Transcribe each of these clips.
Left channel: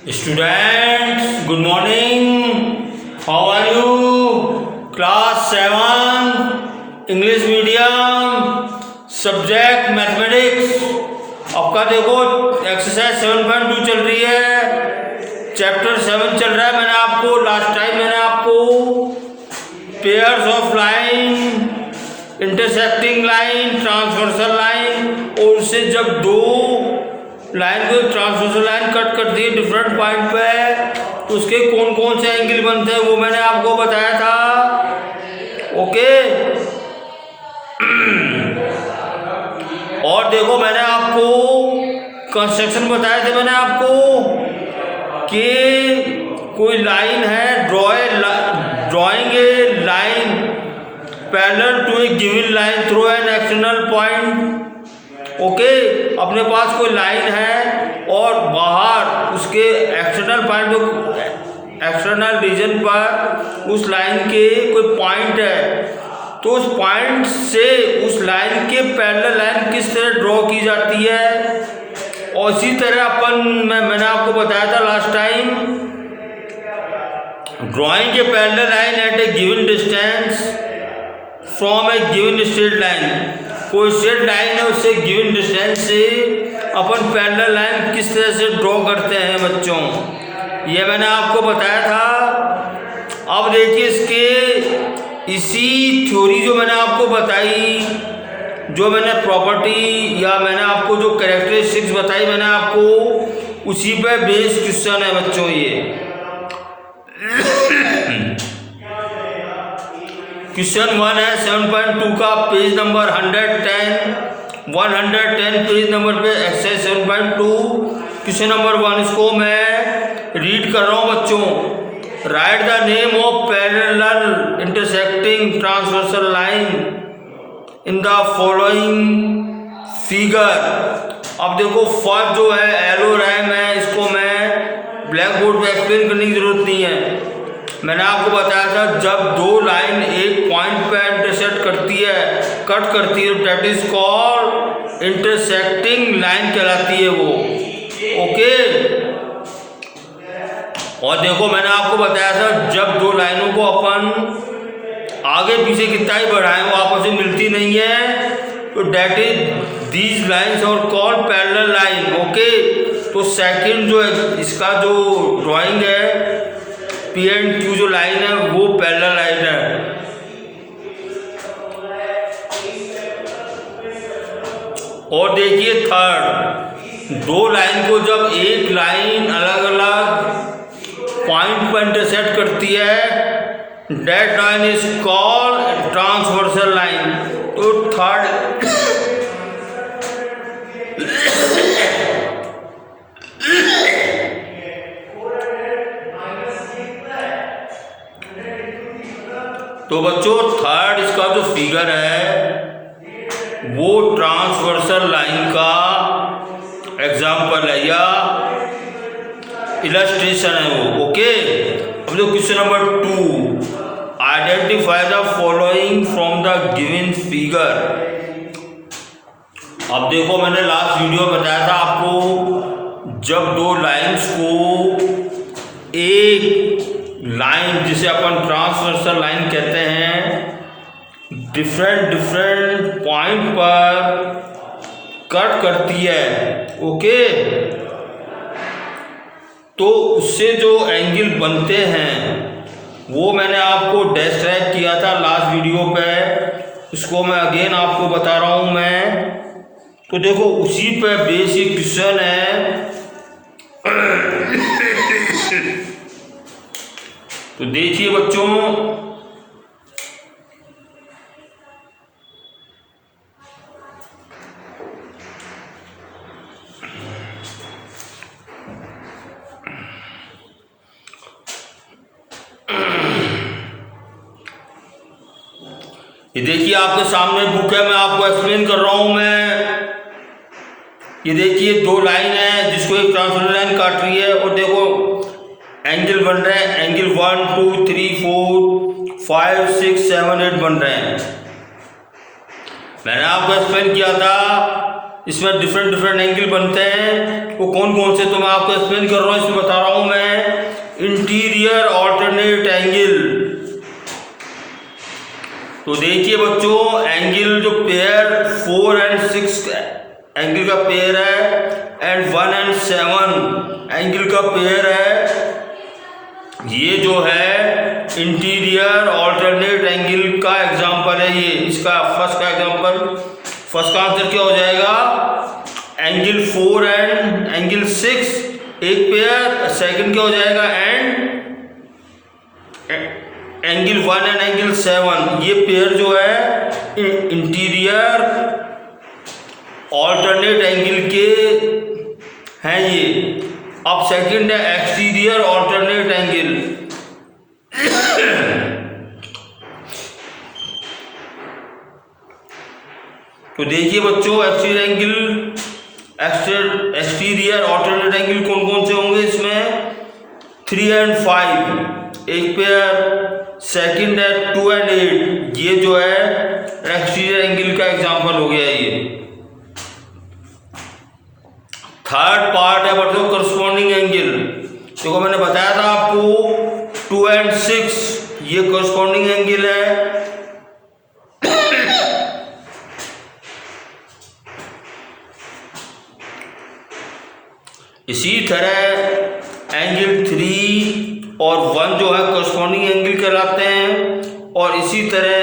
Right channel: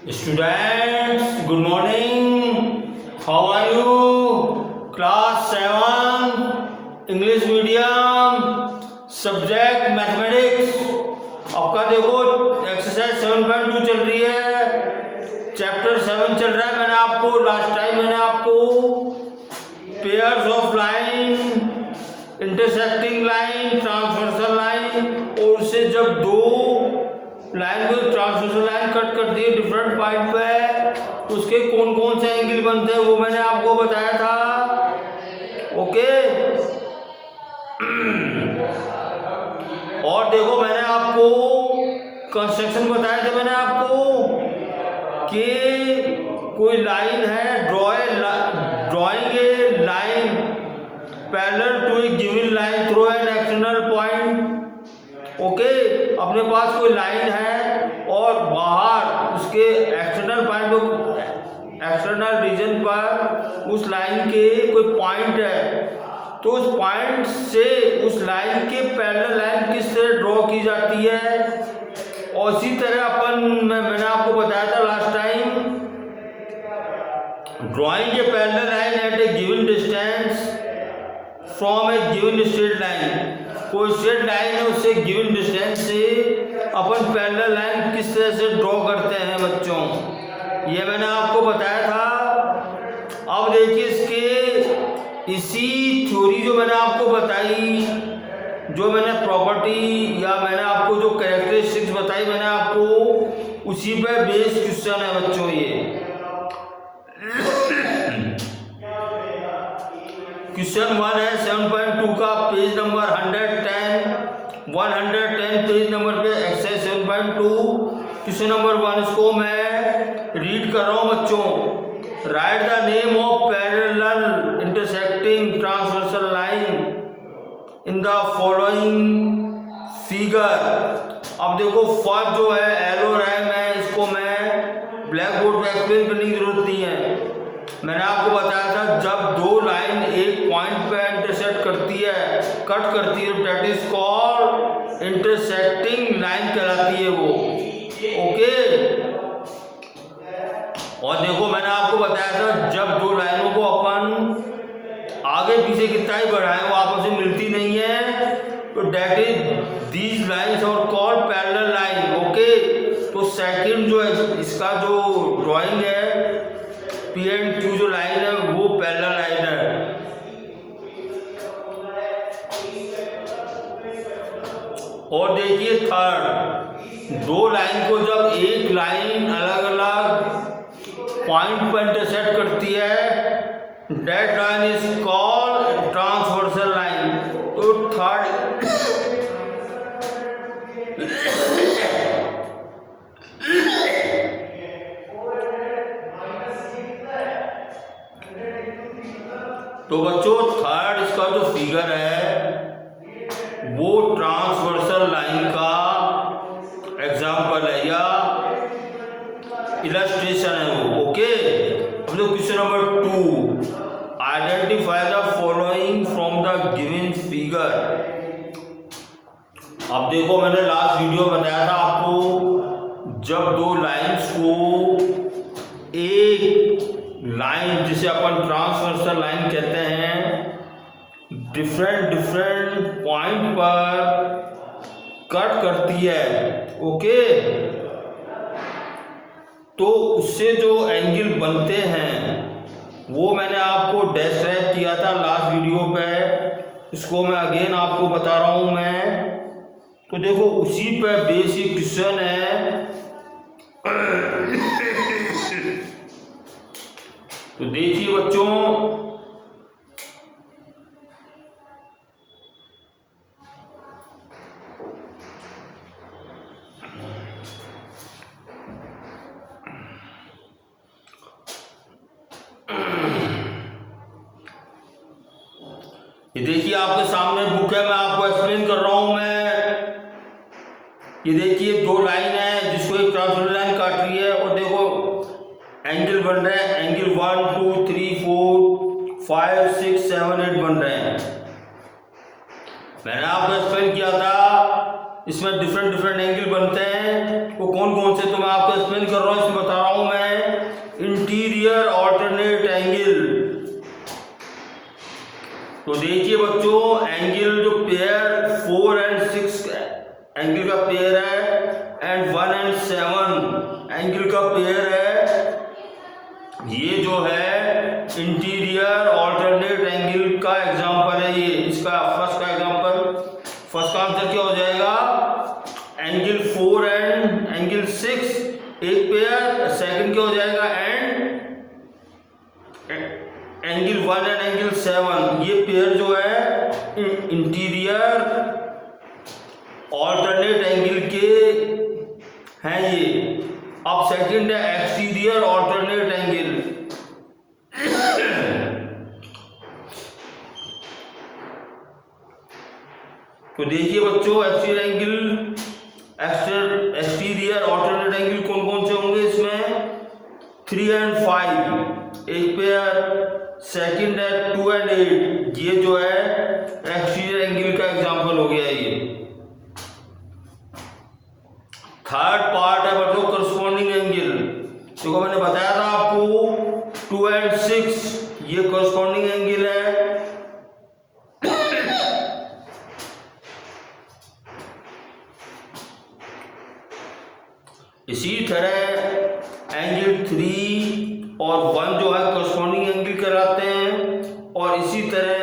Students, good morning. How are you? Class 7, English medium, subject mathematics. आपका देखो exercise 7.2 चल रही है, चैप्टर 7 चल रहा है। मैंने आपको last time pairs of line, intersecting line, transversal line, और उससे जब दो लाइन को ट्रांसवर्सल लाइन कट कर दी डिफरेंट पॉइंट पे, उसके कौन कौन से एंगल बनते हैं वो मैंने आपको बताया था। ओके, और देखो मैंने आपको कंस्ट्रक्शन बताए थे। मैंने आपको कि कोई लाइन है, drawing a line parallel to a given line through an external point. Okay, अपने पास कोई लाइन है और बाहर उसके एक्सटर्नल पॉइंट, एक्सटर्नल रीजन पर उस लाइन के कोई पॉइंट है, तो उस पॉइंट से उस लाइन के पैरेलल लाइन किस तरह ड्रॉ की जाती है। और इसी तरह मैंने आपको बताया था last time, drawing A parallel line at A given distance from A given straight line. कोई स्ट्रेट लाइन है, उससे गिवन डिस्टेंस से अपन पैरेलल लाइन किस तरह से ड्रॉ करते हैं बच्चों, ये मैंने आपको बताया था। अब देखिए इसके इसी थ्योरी जो मैंने आपको बताई, जो मैंने प्रॉपर्टी या मैंने आपको जो कैरेक्टरिस्टिक्स बताई मैंने आपको, उसी पे बेस्ड क्वेश्चन है बच्चों ये। क्वेश्चन 1 है 7.2 का, पेज नंबर 110 पेज नंबर पे एक्सरसाइज 7.2 क्वेश्चन नंबर 1। इसको मैं रीड कर रहा हूँ बच्चों। Right the name of parallel intersecting transversal line in the following figure. अब देखो फर्स्ट जो है एलोग्राम है, इसको मैं ब्लैक बोर्ड पे एक्सप्लेन करने की जरूरत नहीं है। मैंने आपको बताया था जब दो लाइन एक पॉइंट पे इंटरसेक्ट करती है, कट करती है, that is called intersecting line कहलाती है वो। ओके, और देखो मैंने आपको बताया था जब दो लाइनों को अपन आगे पीछे कितना ही बढ़ाएं वो आपस में मिलती नहीं है, तो दैट इज दीज लाइन्स और कॉल्ड पैरेलल लाइन। ओके, तो सेकंड जो है इसका जो ड्राइंग है P and Q जो लाइन है वो पैरेलल लाइन है। और देखिए थर्ड, दो लाइन को जब एक लाइन अलग अलग पॉइंट पर इंटरसेक्ट करती है, that line is called transversal line. तो थर्ड तो बच्चों थर्ड इसका जो फिगर है वो ट्रांसवर्सल लाइन का एग्जाम्पल है या इलस्ट्रेशन है वो। ओके, अब देखो question number 2, identify the following from the given figure. अब देखो मैंने लास्ट वीडियो में बताया था आपको, जब दो लाइंस को एक लाइन जिसे अपन ट्रांसवर्सल लाइन कहते हैं डिफरेंट पॉइंट पर कट करती है। ओके, तो उससे जो एंगल बनते हैं वो मैंने आपको डिस्क्राइब किया था लास्ट वीडियो पे, उसको मैं अगेन आपको बता रहा हूं मैं। तो देखो उसी पे बेसिक क्वेश्चन है। तो देखिए बच्चों, ये देखिए आपके सामने बुक है, मैं आपको एक्सप्लेन कर रहा हूं मैं। ये देखिए दो लाइन है जिसको एक ट्रांसवर्सल लाइन काट रही है, और देखो एंगल बन रहे हैं, एंगल 1 2 3 4 5 6 7 8 बन रहे हैं। मैंने आपको एक्सप्लेन किया था इसमें डिफरेंट डिफरेंट एंगल बनते हैं, वो कौन कौन से तो मैं आपको एक्सप्लेन कर रहा हूँ, इसमें बता रहा हूँ मैं। इंटीरियर ऑल्टरनेट एंगल, तो देखिए बच्चों, एंगल जो पेयर 4 और 6 एंगल का पेयर है एंड 1 और 7 एंगल का पेयर है, ये जो है इंटीरियर ऑल्टरनेट एंगल का एग्जांपल है। ये इसका फर्स्ट का एग्जांपल, फर्स्ट का आंसर क्या हो जाएगा, एंगल 4 एंड एंगल 6 एक पेयर, सेकंड क्या हो जाएगा एंड एंगल 1 एंड एंगल 7, ये पेयर जो है इंटीरियर ऑल्टरनेट एंगल के हैं ये। अब सेकंड है एक्सटीरियर ऑल्टरनेट एंगल। तो देखिए बच्चों, एक्सटीरियर ऑल्टरनेट एंगल कौन कौन से होंगे इसमें, 3 और 5 एक पेयर, सेकंड है 2 और 8, ये जो है एक्सटीरियर एंगल का एग्जांपल हो गया। ये थर्ड पार्ट है बच्चों करस्पॉन्डिंग एंगल। देखो मैंने बताया था आपको 2 और 6 ये करस्पॉन्डिंग एंगल है। इसी तरह एंगल 3 और 1 जो है करस्पॉन्डिंग एंगल कहलाते हैं, और इसी तरह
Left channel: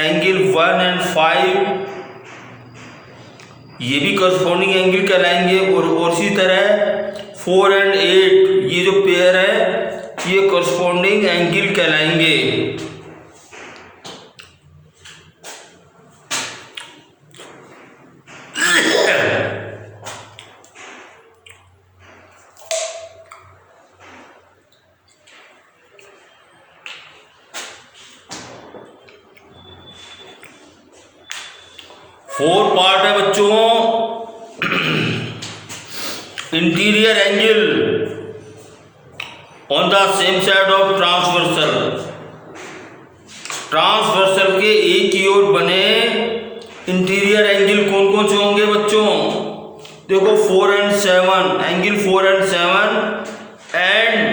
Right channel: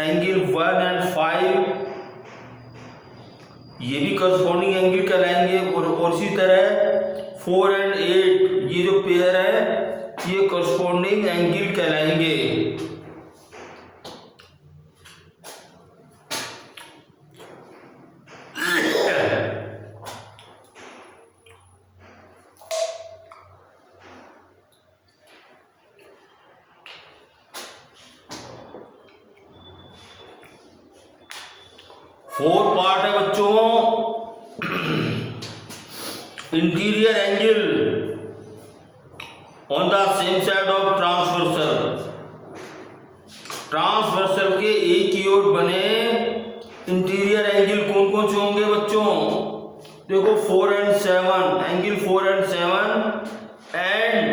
एंगल 1 और 5 ये भी करस्पॉन्डिंग एंगल कहलाएंगे, और इसी तरह 4 और 8 ये जो पेयर है ये करस्पॉन्डिंग एंगल कहलाएंगे। फोर्थ पार्ट है बच्चों interior angle on the same side of transversal. Transversal के एक ही ओर बने इंटीरियर एंगल कौन कौन से होंगे बच्चों, देखो 4 और 7 एंगल 4 और 7 एंड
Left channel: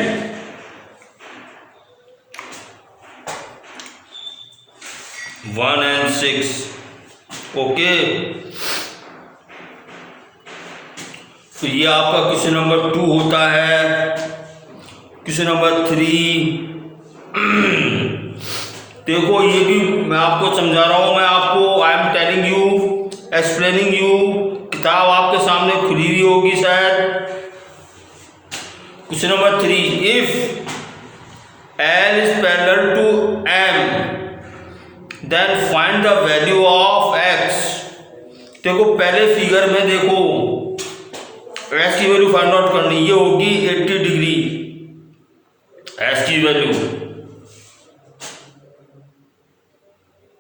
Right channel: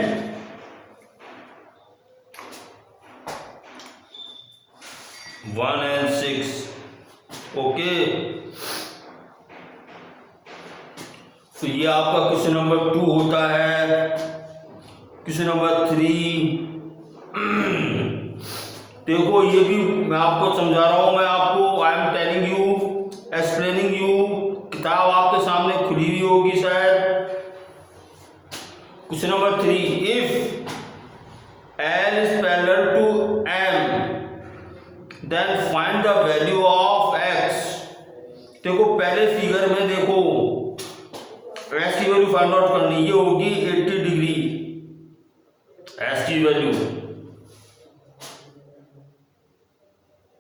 वन एंड 6। ओके, तो ये आपका क्वेश्चन नंबर 2 होता है। क्वेश्चन नंबर 3 देखो, ये भी मैं आपको समझा रहा हूं, मैं आपको I am telling you, explaining you, किताब आपके सामने खुली हुई होगी शायद। Question number 3, if L is parallel to M then find the value of x। देखो पहले फिगर में देखो x की वैल्यू फाइंड आउट करनी, ये होगी 80 डिग्री x की वैल्यू,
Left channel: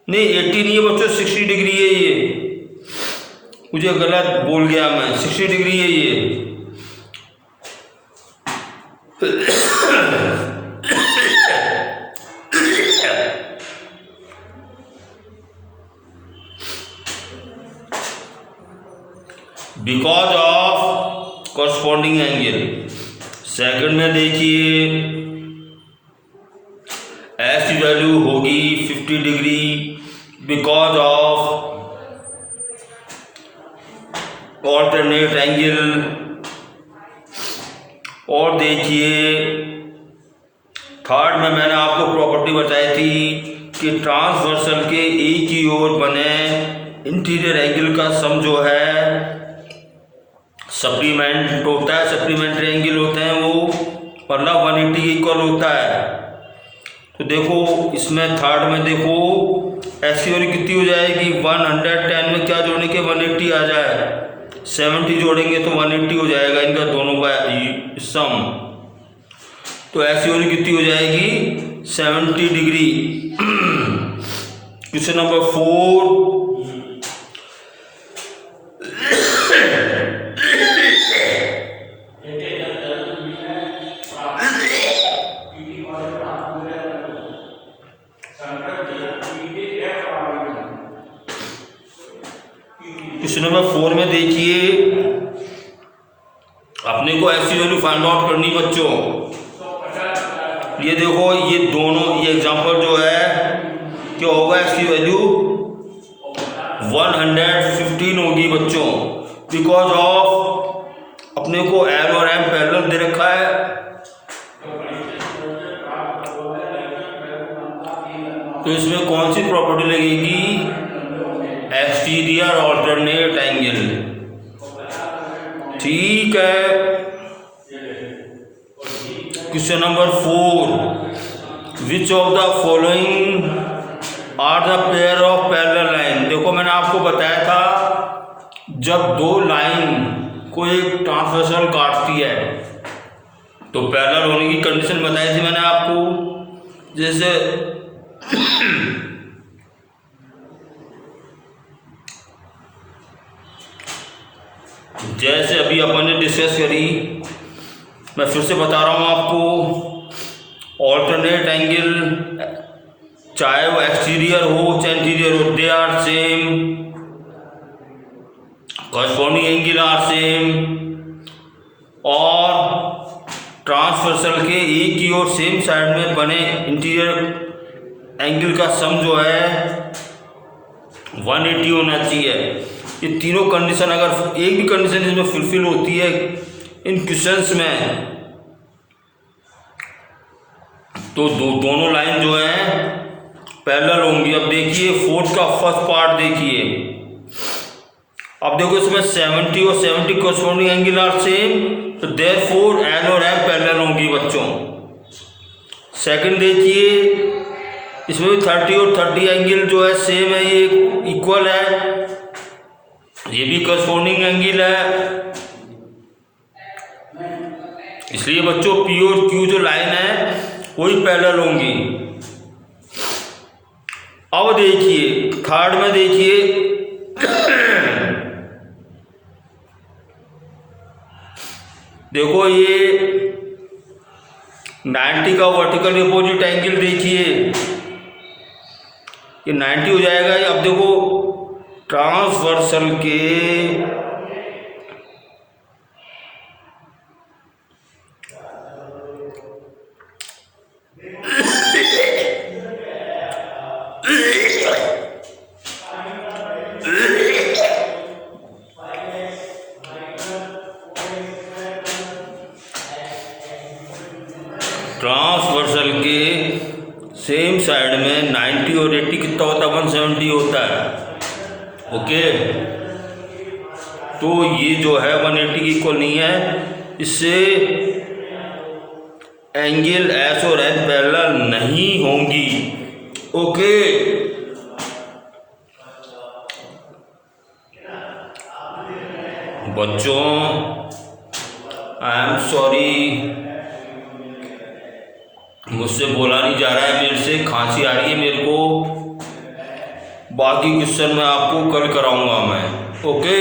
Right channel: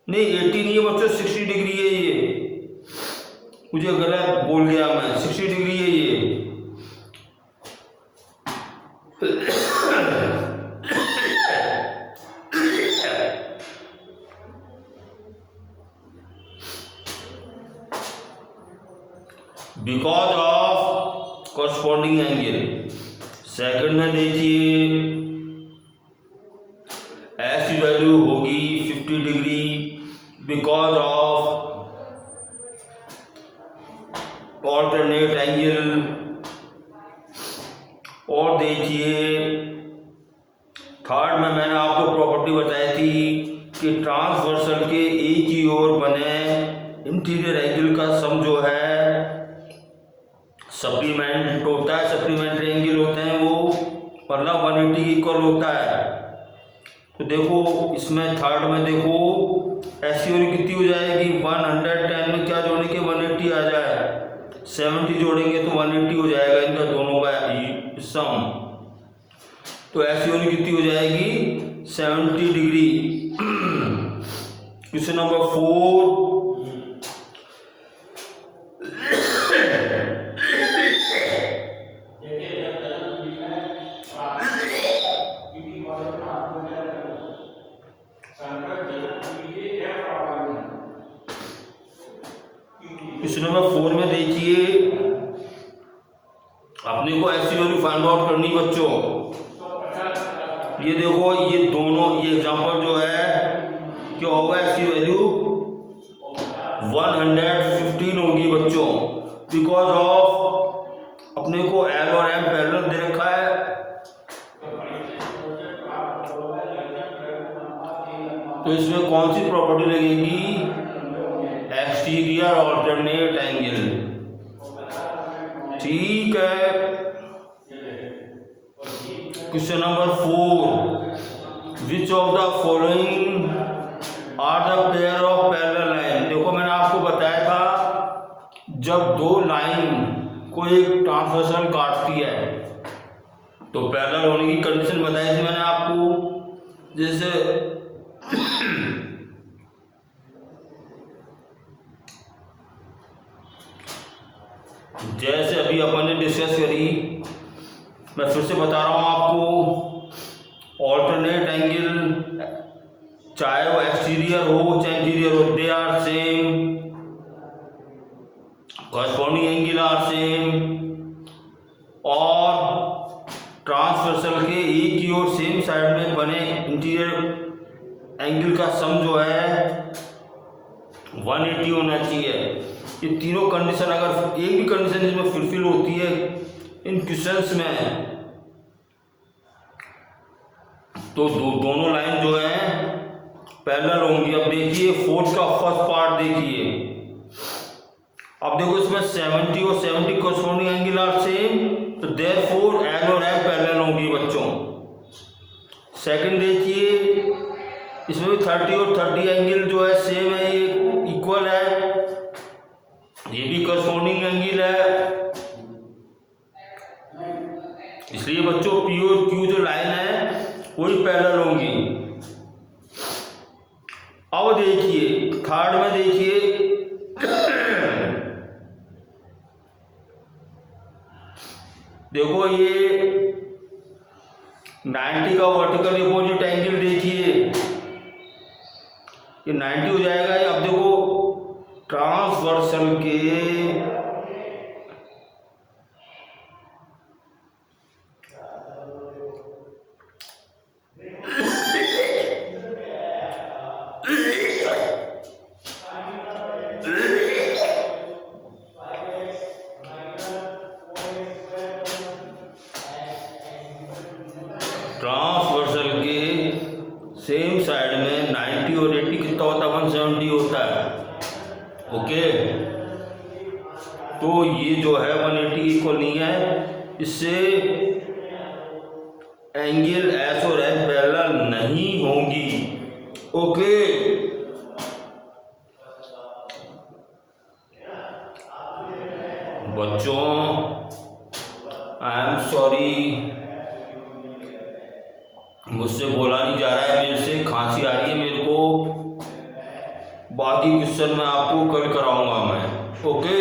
नहीं 80 नहीं है बच्चों, 60 डिग्री है ये, मुझे गलत बोल गया मैं, 60 डिग्री है ये। Because of corresponding angle. Second में देखिए एस की वैल्यू होगी 50 degree because of alternate angle. और देखिए थर्ड में मैंने आपको प्रॉपर्टी बताई थी कि ट्रांसवर्सल के एक ही ओर बने इंटीरियर एंगल का सम जो है सप्लीमेंट होता है, सप्लीमेंट्री एंगल होते हैं वो, मतलब 180 के इक्वल होता है। तो देखो इसमें थर्ड में देखो ऐसी और कितनी हो जाएगी, 110 में क्या जोड़ने के 180 आ जाए, 70 जोड़ेंगे तो 180 हो जाएगा इनका दोनों का सम। तो ऐसी और कितनी हो जाएगी 70 degree. Question number 4, question number 4 में देखिए, अपने को ऐसी वैल्यू फाइंड आउट करनी बच्चों। ये देखो, ये दोनों, ये एग्जांपल जो है क्या होगा, इसकी वैल्यू 115 होगी बच्चों, बिकॉज ऑफ अपने को एल और एम पैरेलल दे रखा है। तो इसमें कौन सी प्रॉपर्टी लगेगी, एक्सटीरियर ऑल्टरनेट एंगल। ठीक है। Question number 4, which of the following are the pair of parallel line. देखो मैंने आपको बताया था, जब दो लाइन को एक ट्रांसवर्सल काटती है तो पैरेलल होने की कंडीशन बताई थी मैंने आपको। जैसे अभी अपन ने डिस्कस करी, मैं फिर से बता रहा हूँ आपको, ऑल्टरनेट एंगल चाहे वो एक्सटीरियर हो चाहे इंटीरियर हो, they are same, corresponding angle are same, और ट्रांसवर्सल के एक ही और सेम साइड में बने इंटीरियर एंगल का सम जो है 180 होना चाहिए। ये तीनों कंडीशन, अगर एक भी कंडीशन इसमें फुलफिल होती है इन क्वेश्चंस में, तो दोनों लाइन जो है पैरेलल होंगी। अब देखिए 4th का फर्स्ट पार्ट देखिए, अब देखो इसमें 70 और 70 कॉरस्पॉन्डिंग एंगल आर सेम, तो देयरफॉर एल और एम पैरेलल होंगी बच्चों। सेकंड देखिए, इसमें भी 30 और 30 एंगल जो है सेम है, ये इक्वल है, ये भी कॉरस्पॉन्डिंग एंगल है, इसलिए बच्चों पी और क्यू जो लाइन है वही पैरेलल होंगी। अब देखिए थर्ड में देखिए, देखो ये 90 का वर्टिकल अपोजिट एंगल देखिए, ये 90 हो जाएगा। अब देखो ट्रांसवर्सल के सेम साइड में 90 और 80 कितना होता है, 170 होता है। ओके, तो ये जो है 180 की इक्वल नहीं है, इससे एंगल एस और एन पैरेलल नहीं होंगी। ओके, बच्चों आई एम सॉरी, मुझसे बोला नहीं जा रहा है, मेरे से खांसी आ रही है मेरे को। बाकी क्वेश्चन मैं आपको कल कराऊंगा मैं। ओके।